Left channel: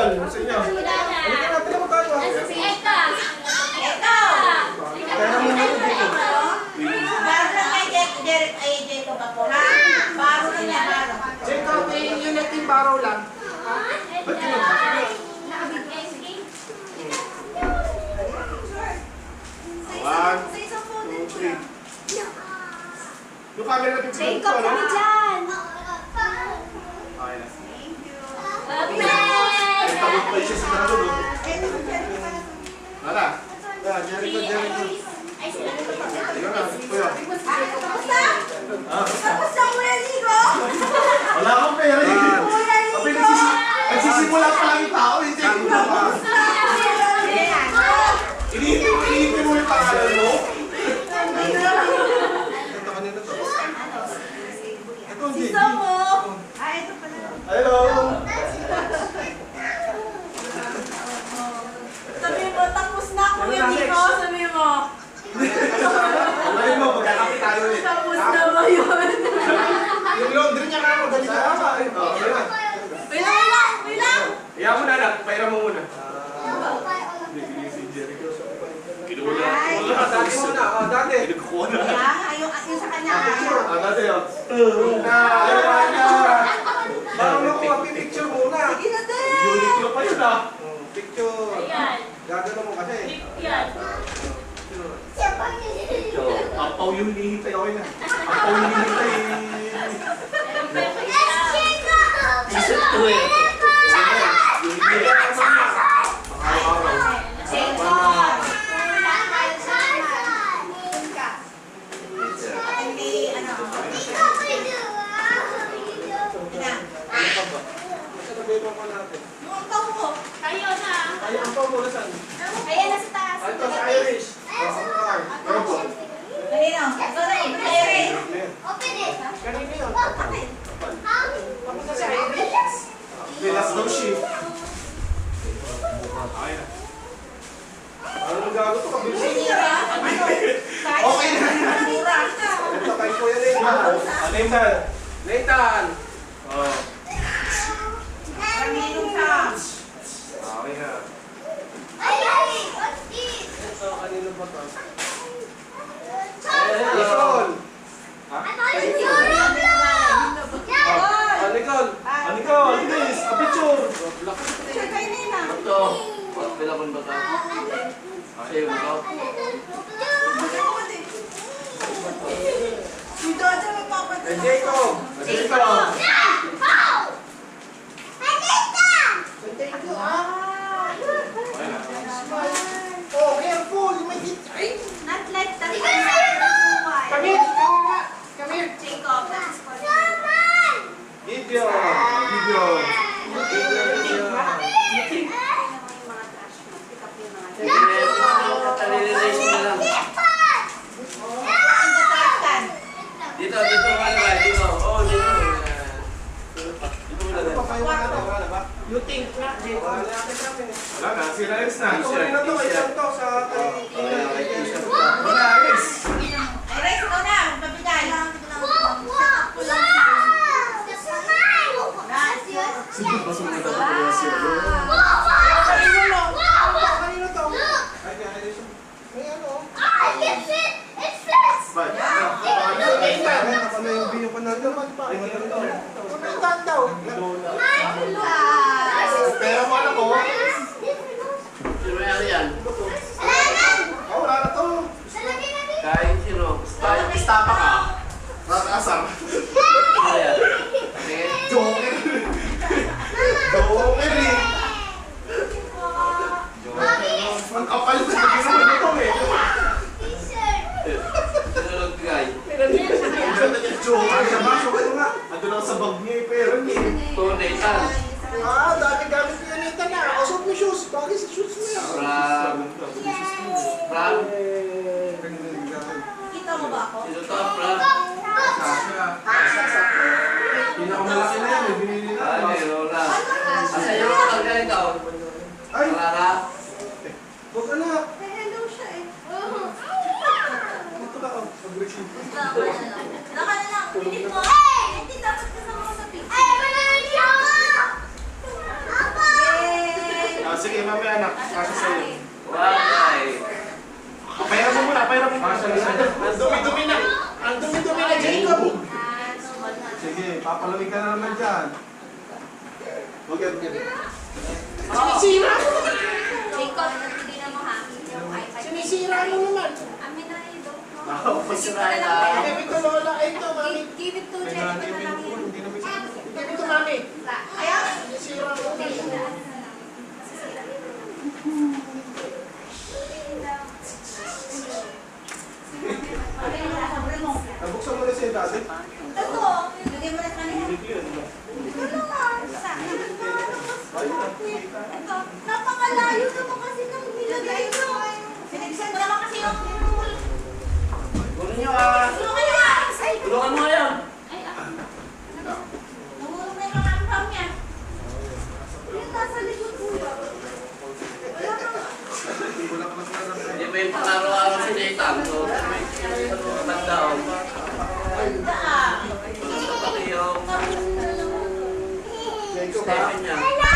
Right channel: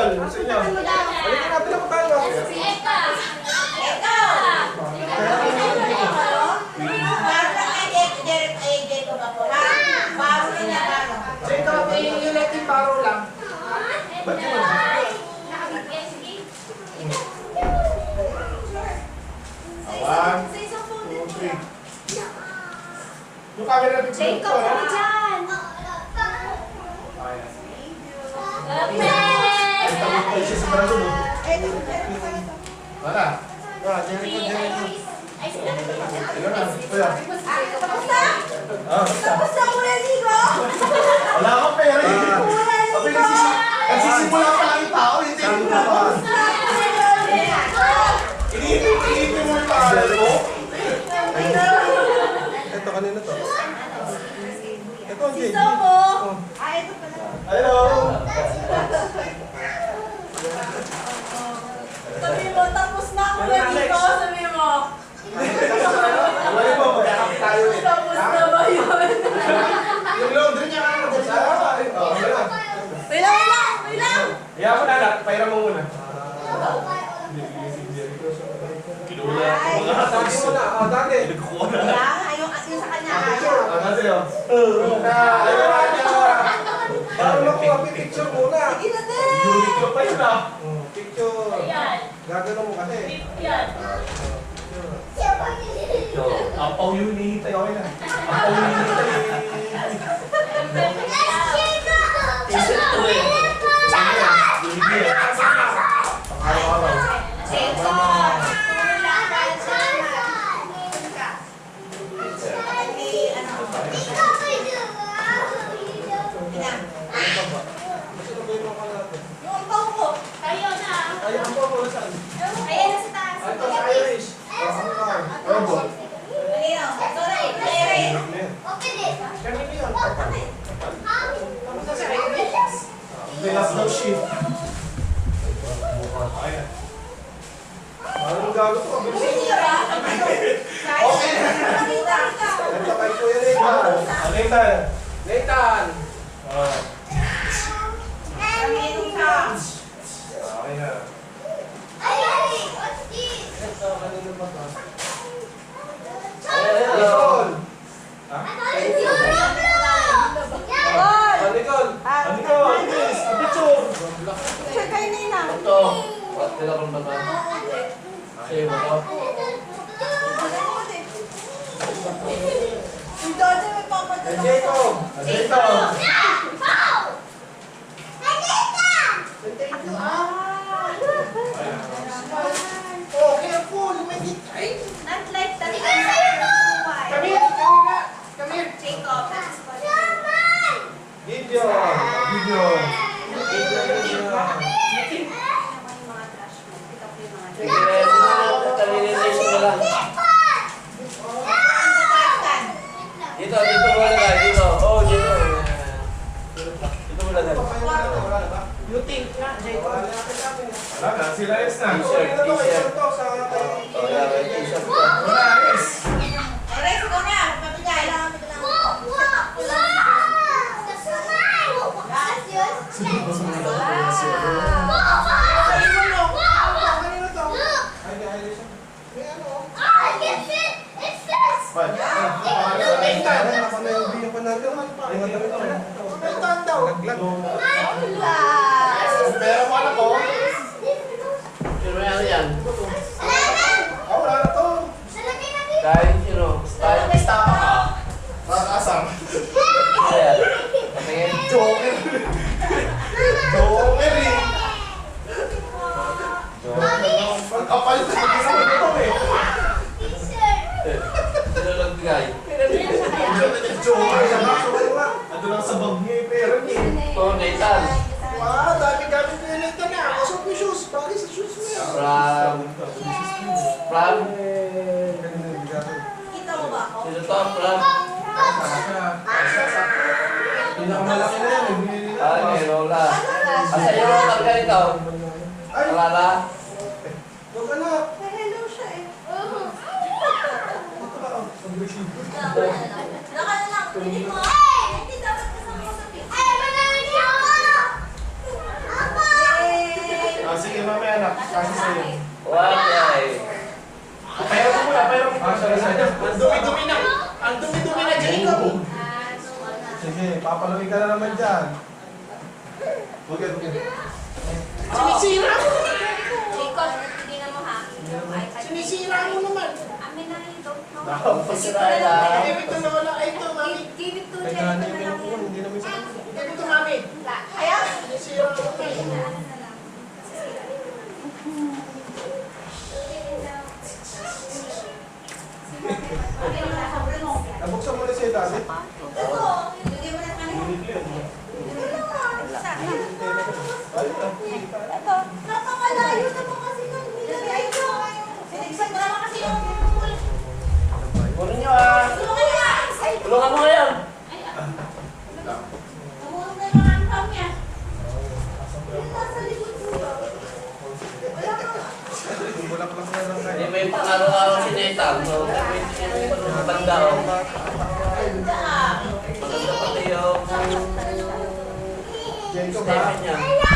Nicole, sa inyo. Halika natin ang bago. Jacob, yung natin baro lang. Ba't yun? One, two, three. Yung camera na picture ko, ano? Tawag pa siya sa marado, no? Wala. Jericho. Ayun na, kuya. Wala akong pera eh. Nagsisimula pa lang yung tao, hindi. Iniipin mo yung pangalan mo? Ito kanina to. Ito, Jay. Hello! Sabi mo, tapos na ako na dito. Sabi mo. Sabi mo, magkakapit tayo eh. Tapos na ba yun? Yung laundry niya ka mo, dali sa Wait lang! Iyan mo na, pairam mo muna. Hindi, si Jericho. Kinuha na. Dati mo na, dati. Kinuha na. Yung sa kanya. Dati yun. Ayun na. Bago makuha, picture muna. Sige na din! Uniqlo pa yun ah. Picture. Gagano mo kasi. Ampaw yung hinihintay ako na. Ampaw yung hinihintay. T-shirt to eh. Pang-araw-araw. Last daw shift. Anong gago to? Okay na. Ito kay Kuya Nathan. Nathan! Okay na. Ito, kanino ba to? Nicole! Nicole! Please! A picture! Picture kay Nina. Ito. Pila kong bata. Sa'yo mo to. Si Jojo magpapadala. Jacob! Jacob! Oh, careful! May hit! Not like that. Come here! Come here! Jacob. Gideon! Gideon! Dito mo na ba? Dito. Oh, dito. Dito mo na ba? You think na, Jacob? Wala na, sila Eds na. T-shirt, Kunin na to, t-shirt. isang to sa tayo. T-shirt ka. Wala, Eds! Rex, ikaw na. Mabigay. Sige, basta mo dapat ko na siya. Kanino to? Ay, di, may ano? Bye. Nathan daw. Pera mo anak ko. Sino yan yan? Wala na to. Kahit sino. Kahit istapa ka. Asar. Ano yan? Tingin. Joker. Joker eh. Ang kapal na ito eh. Sino lang bigay? Joker. Ando lang sa bag niya eh. Pera niya eh. Ito, Nathan. Dami gamit ko yun ito na. Kasi may shoes. Bagay sa shoes mo yan. Pram. Kita mo ba ako? Sino to? Pram. Pinakamalaki na yan. Binili na. Ay, may Lola. Asa yung Lola ka nito? Ay! Alala? Huwag ka na. Hello siya eh. Ito na ako. Mag-receive. Naka na lang. Pilit mo. Hindi dapat kasama ko sa picture. naman dyan. Huwag yan, huwag yan. Sinisira mo! Jacob, hindi na mo ha. Sinisira mo naman! Amin na yun, don't know. Nakapasira Give it to Lola. Ay, ito, mami. Give it to May Jacob nanay na pa lang yung yun. hindi naman siya. Give it to mami. Ayaw. Sinisira mo. Ano na lang. Nabuksan mo na siya dati. Ito, hindi mo na kanina. Ito na. Ito, napakalayo naman kasi nung nilagay ko. Sinigsan ko naman kasi yung pool. Kunin nyo ah. Tulungan niyo na! Tulungan mo ngayon. Ay, namulong na yung mga ampam niya. Yung nasa likod ko. Wala ka. Hindi lang naman na lang Hindi may pangaraw-araw si Nathan. So, may matanda o. Ganda ah. Pati yung Jacob ha? Stephen niya.